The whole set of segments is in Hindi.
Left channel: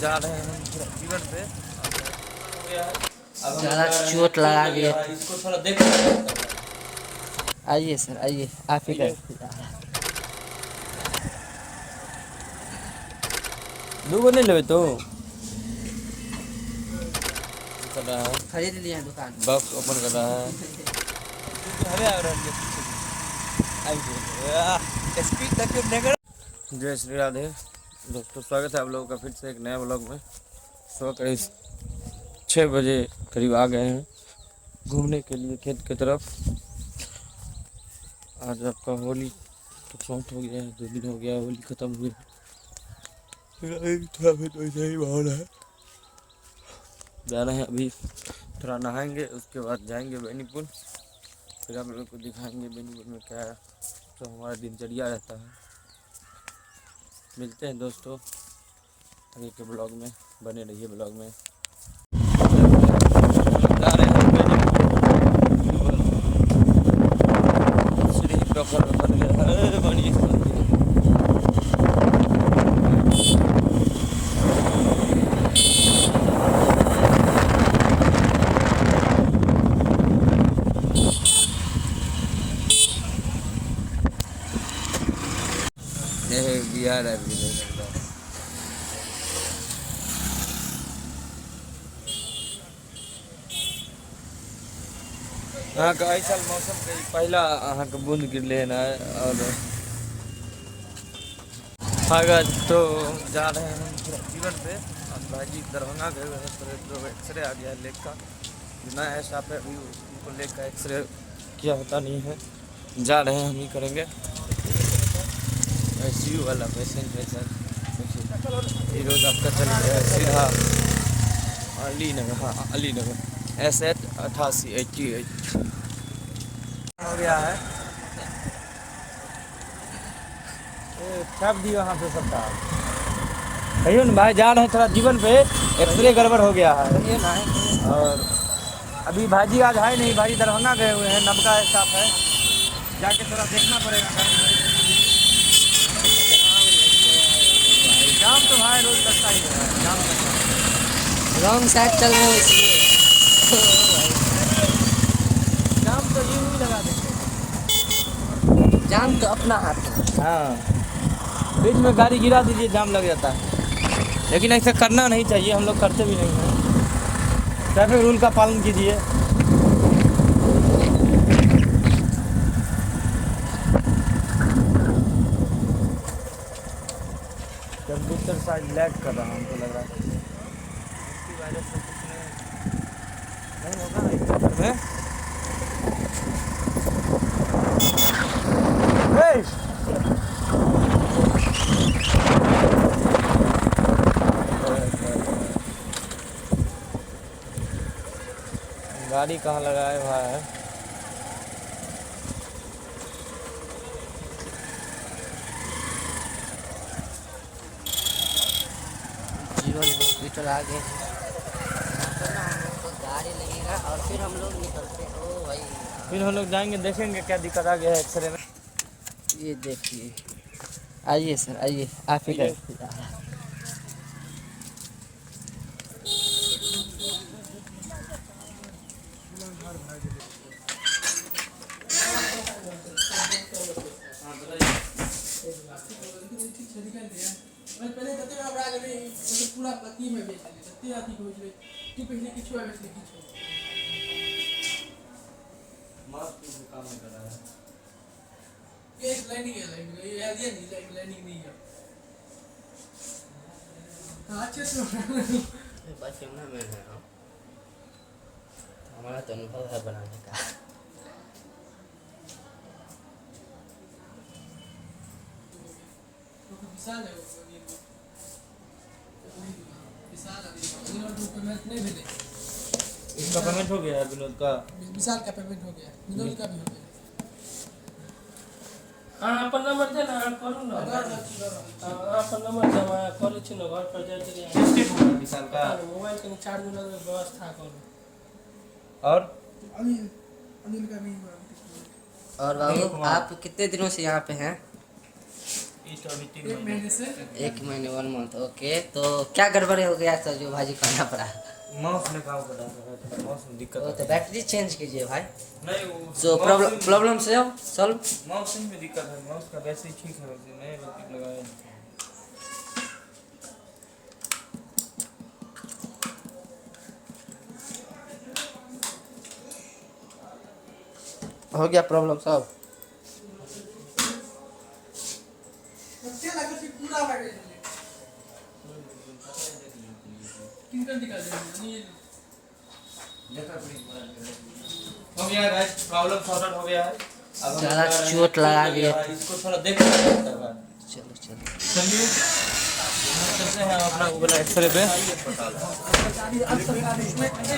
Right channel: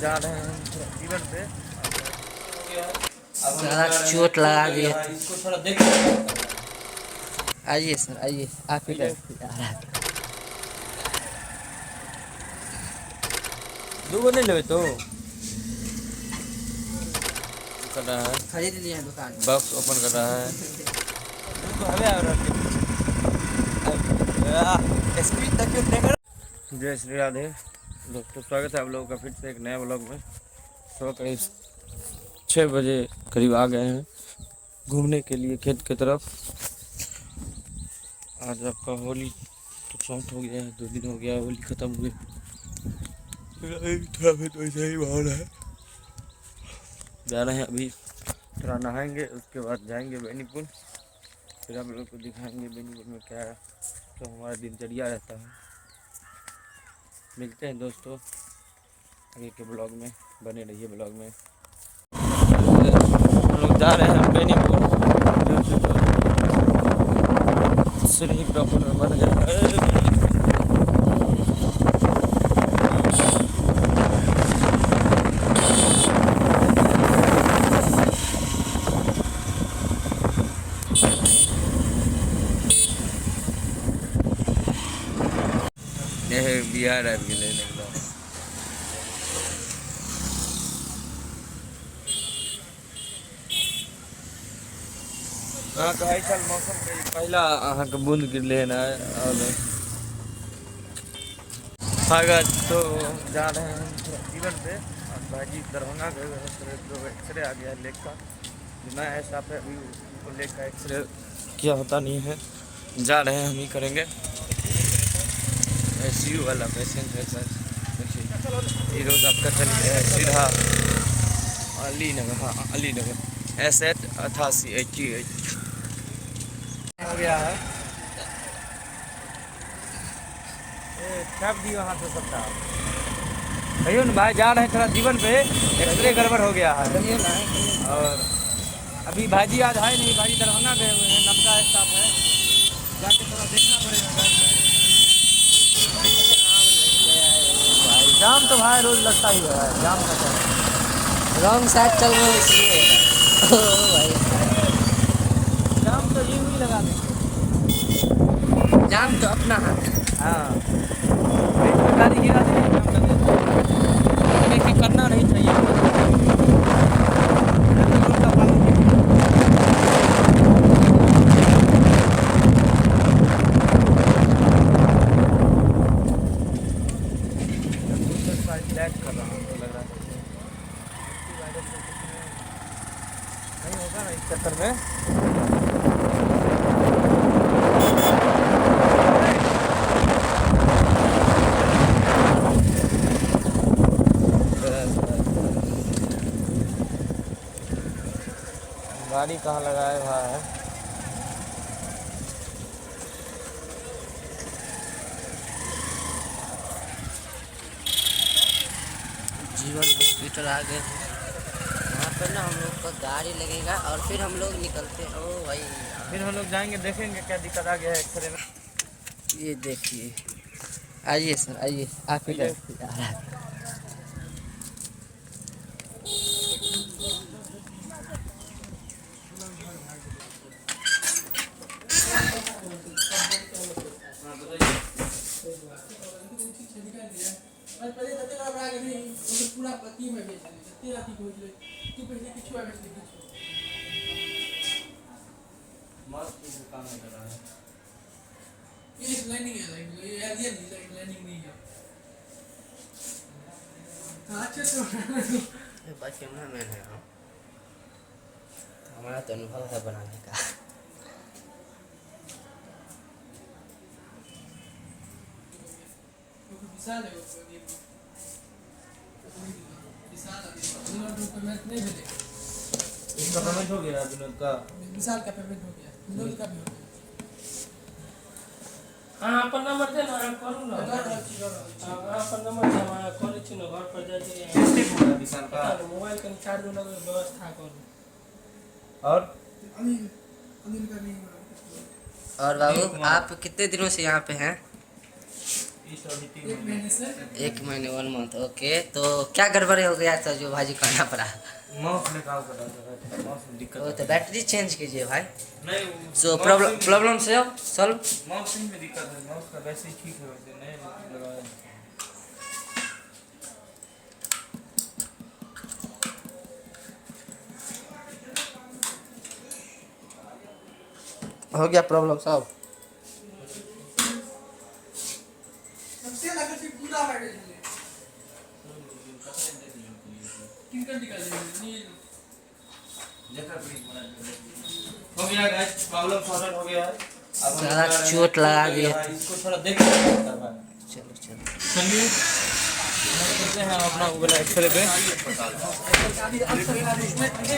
जा रहे हैं हम थोड़ा जीवन पे। ज़्यादा चोट लगा दिए थे। इसको थोड़ा देख। आइए सर आइए, आप ही कर दूगो नहीं लेवे तो कर रहा है, खरीद लिए हैं दुकान। बॉक्स ओपन कर रहा है। जय श्री राधे दोस्तों, स्वागत है आप लोगों का फिर से एक नया ब्लॉग में। सुबह करीब 6 बजे करीब आ गए हैं घूमने के लिए खेत की तरफ। आज आपका होली तो समाप्त हो गया है, 2 दिन हो गया होली ख़त्म हुए। थोड़ा फिर तो ऐसा ही माहौल है। जा रहे हैं अभी, थोड़ा नहाएंगे, उसके बाद जाएंगे बेनीपुर। फिर आप लोगों को दिखाएंगे बेनीपुर में क्या तो हमारा दिनचर्या रहता है। मिलते हैं दोस्तों आगे के ब्लॉग में, बने रहिए ब्लॉग में। लोग जा रहे हैं बेनीपुर, सिर्फ डॉक्टर बन गए। बिहार आ गए। अहाँ के एहि साल मौसम के पहला अहाँ के बूंद गिरले है ना। और अगर तो जा रहे हैं हम थोड़ा जीवन पे। और भाजी दरभंगा गए हुए हैं, तो एक्सरे आ गया है लेग का। जो नया स्टाफ है अभी उनको लेग का एक्सरे किया होता नहीं है, जा रहे हैं हम ही करेंगे। ICU वाला पेशेंट है सर। ये रोड आपका चल गया है सीधा अली नगर। हाँ अली नगर S8 8888 हो गया है। छाप दिया वहाँ से सबका। कहियो ना भाई, जा रहे हैं थोड़ा जीवन पे, एक्सरे गड़बड़ हो गया है। और अभी भाजी आज है नहीं, भाजी दरभंगा गए हुए हैं, नबका स्टाफ है, जाके थोड़ा देखना पड़ेगा। भाई जाम तो भाई रोज लगता ही है, जाम लगता है। रॉन्ग साइड चल रहे हो इसलिए। ओ भाई, जाम तो यूं ही लगा देते। जाम तो अपना हाथ। हाँ, बीच में गाड़ी गिरा दीजिए, जाम लग जाता है। लेकिन ऐसा करना नहीं चाहिए, हम लोग करते भी नहीं। ट्रैफिक रूल का पालन कीजिए। लैग कर रहा है, हमको लग रहा है नहीं होगा ना इस चक्कर में। गाड़ी कहाँ लगाए भाई है। जीवन हॉस्पिटल आ गए हैं। यहाँ पर ना हम लोग को गाड़ी लगेगा और फिर हम लोग निकलते हैं। ओ भाई, फिर हम लोग जाएंगे, देखेंगे क्या दिक्कत आ गया है एक्सरे में। ये देखिए, आइए सर आइए, आप ही कर बस कैमरा मैन है हम, तो हमारा तो अनुभव है बनाने का। इसका पेमेंट हो गया विनोद का, विशाल का पेमेंट हो गया, विनोद का भी हो गया। हाँ अपन नंबर दे ना, करूँ ना। अपन नंबर जमा करूँ छी ना, घर पर जाके टेस्टिंग होगा विशाल का। मोबाइल का चार्ज देने की व्यवस्था करूँ। और अनिल का नहीं हुआ। और बाबू, आप कितने दिनों से यहाँ पे हैं? इस अभी 3 1 महीने से 1 महीने 1 मंथ। ओके, तो क्या गड़बड़ हो गया था जो भाजी कहना पड़ा? माउस में काम कर रहा था, माउस में दिक्कत तो बैटरी चेंज कीजिए भाई। नहीं वो सो प्रॉब्लम से सॉल्व। माउस में दिक्कत है, माउस का वैसे ही ठीक है, वैसे नए लगाया। हो गया प्रॉब्लम सब। सबसे लगा कि पूरा बैटरी टिंकर निकाल देंगे नील हो गया गाइस, प्रॉब्लम सॉर्टेड हो गया है। अब हम ज़्यादा लोग चोट लगा दिए। इसको थोड़ा देख सकता है। चलो चलो। चलिए हम चलते हैं अपना वो वाला एक्सरे पे।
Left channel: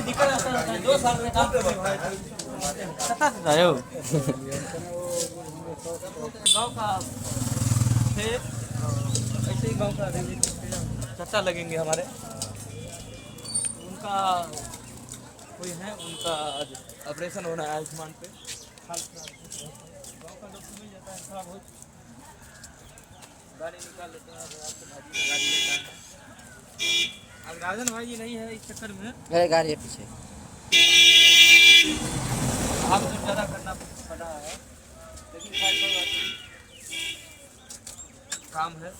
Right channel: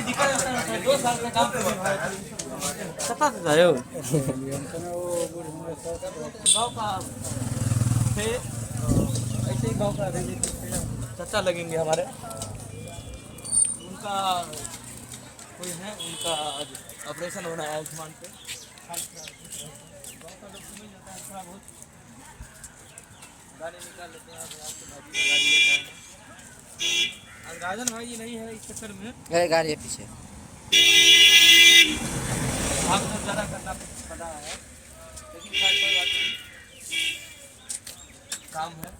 दिक्कत है 2 साल का काम कर भाई, कता से आए हो? गांव का थे, ऐसे ही गांव का रिलेटिव थे, चाचा लगेंगे हमारे। उनका कोई है, उनका ऑपरेशन होना है आयुष्मान पे। गाँव का लोग मिल जाता है थोड़ा बहुत, गाड़ी निकाल लेते हैं, आपके भाजी का गाड़ी लेता है। अब राजन भाई नहीं है इस चक्कर में, अरे गाड़ी है पीछे। आप तो ज़्यादा करना पड़ रहा है, लेकिन खैर कोई बात नहीं, काम है।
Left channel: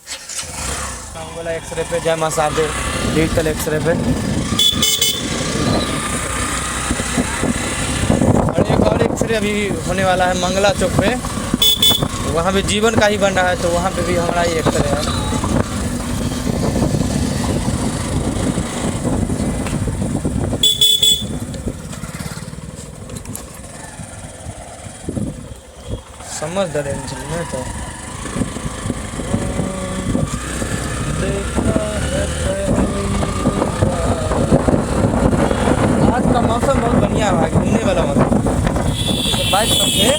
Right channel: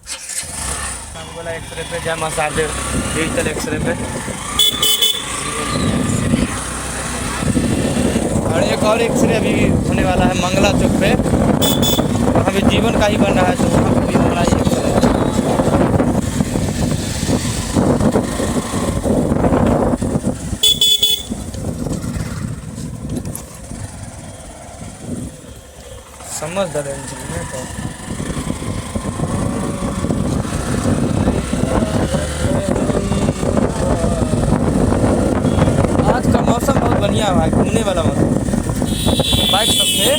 काम वाला एक्सरे पे जय मसादे डिजिटल एक्सरे पे। और एक और एक्सरे अभी होने वाला है मंगला चौक पे, वहाँ भी जीवन का ही बन रहा है, तो वहाँ पे भी हमारा ही एक्सरे है। समझ दे रहे हैं तो आज का मौसम बहुत बढ़िया है, घूमने वाला मौसम। तो बाइक सब से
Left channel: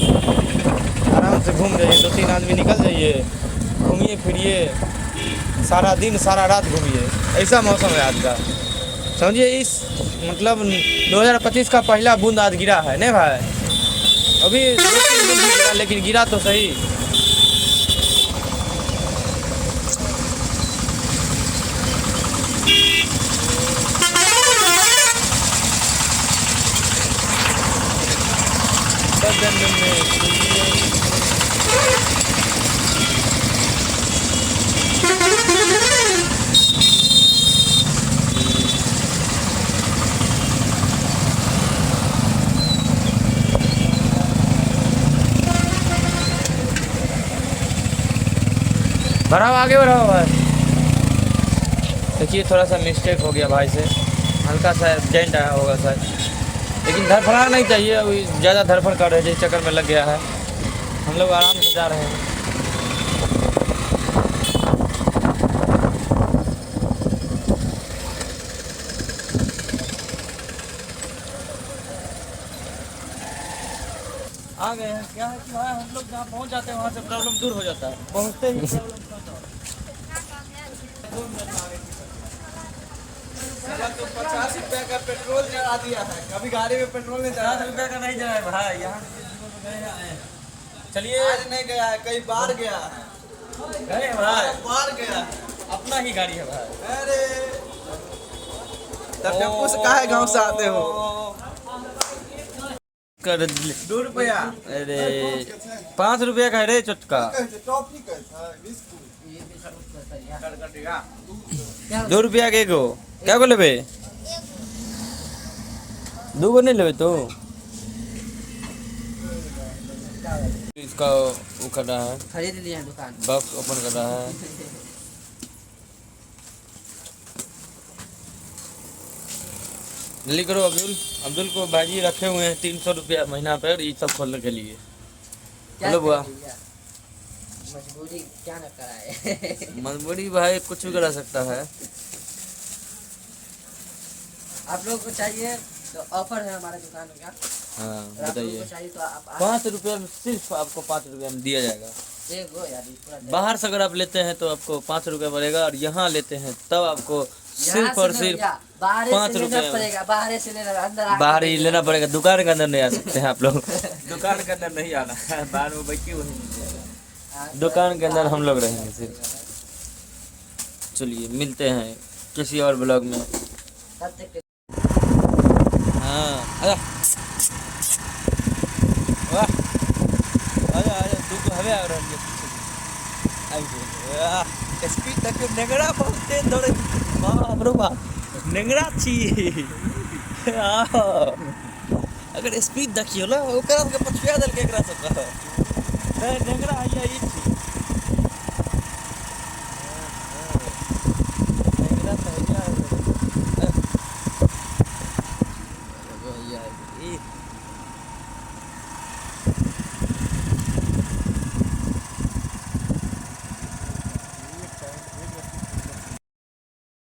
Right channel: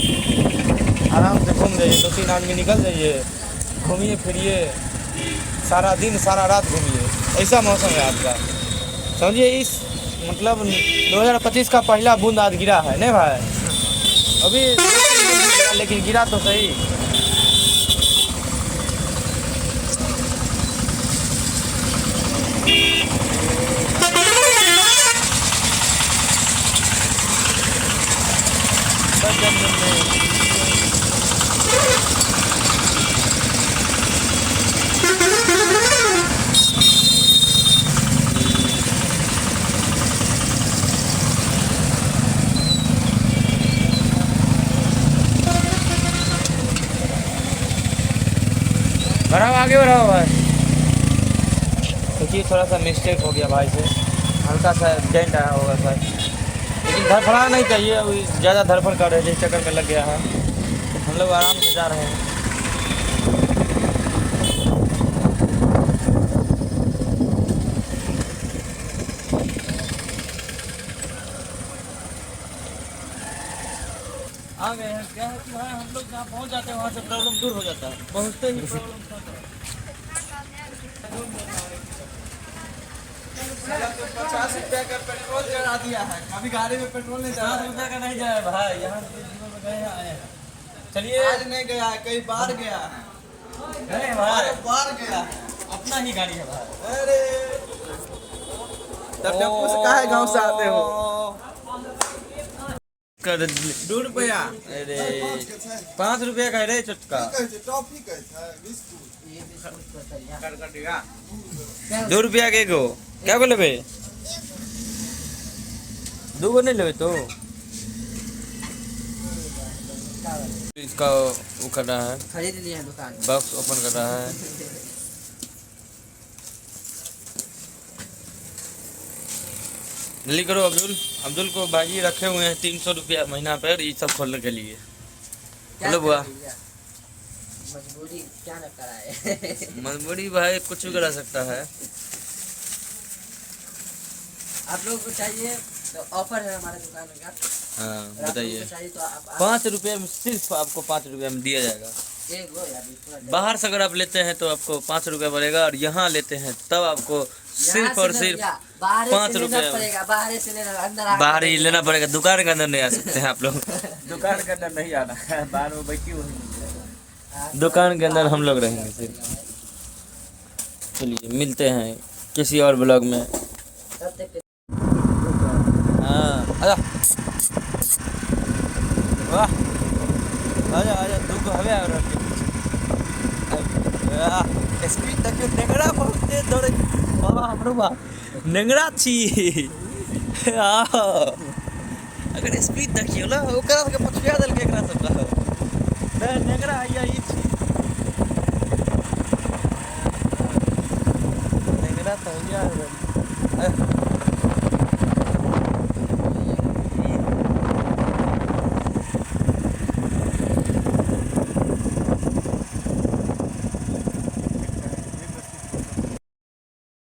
आराम से घूम जाइए, 2-3 आदमी निकल जाइए, घूमिए फिरिए, सारा दिन सारा रात घूमिए, ऐसा मौसम है आज का। समझिए इस मतलब 2025 का पहला बूंद आज गिरा है नहीं भाई? अभी 2-3 दिन गिरा, लेकिन गिरा तो सही। बढ़ाओ, आगे बढ़ाओ भाई। देखिए थोड़ा सा मिस्टेक हो गया भाई से, हल्का सा डेंट आया होगा शायद, लेकिन धड़फड़ा नहीं चाहिए, अभी ज़्यादा धड़फड़ कर रहे थे, इस चक्कर में लग गया है। हम लोग आराम से जा रहे हैं। आ गए हैं। क्या है कि भाई हम लोग जहाँ पहुँच जाते हैं वहाँ से प्रॉब्लम दूर हो जाता है, पहुँचते ही प्रॉब्लम खत्म। चला तो 50 रुपये का पेट्रोल चढ़ा दिया है, कभी गाड़ी में पेट्रोल नहीं चढ़ा। 50 रुपये का नहीं जाए भाई, यहाँ गए आए हैं। चलिए, आज नहीं गया है, कई बार गया है, गए भाई, बार गया है, अपना ही गाड़ी है भाई। अरे तब टेम्पू से काहे गाँव से आते हो? कर 2 रुपया। अरे 5 रुपया का है रे चुटका। 2 रुपया के गो क्या बोले बे? 2 गो नहीं लेबे तो इसका वो कर रहा है, खरीद लिए हैं दुकान। बॉक्स ओपन कर रहा है। जल्दी करो अब्दुल। अब्दुल को भाजी रखे हुए हैं 300 रुपया महीना पर, ये सब खोलने के लिए। हेलो बुआ। मजबूरी क्या न कराए। मजबूरी भाई कुछ भी करा सकता है। आप लोग को चाहिए तो ऑफर है हमारे दुकान का। हाँ अगर आप बताइए। लोगों को चाहिए तो आप 5 रुपये में, सिर्फ आपको 5 रुपये में दिया जाएगा। एक गो या इतना बाहर से अगर आप लेते हैं तो आपको 5 रुपये पड़ेगा, और यहाँ लेते हैं तब आपको सिर्फ और सिर्फ 5 रुपये पड़ेगा। बाहर से लेना, अंदर बाहर ही लेना पड़ेगा। दुकान के अंदर नहीं आ सकते हैं आप लोग। दुकान के अंदर नहीं आना है, बाहर में बैठी हुई। दुकान के अंदर हम लोग रहेंगे सिर्फ। चलिए मिलते हैं किसी और ब्लॉग में। तब तक हाँ आजा वाह आजा आजा तू हवे आ रहा है स्पीड तक के नेगड़ा बहुत तेज दौड़े वाह हमरो वाह नेगड़ा छी अगर स्पीड देखियो ना ओकरा के पछुआ दल के एकरा सब नेगड़ा आइया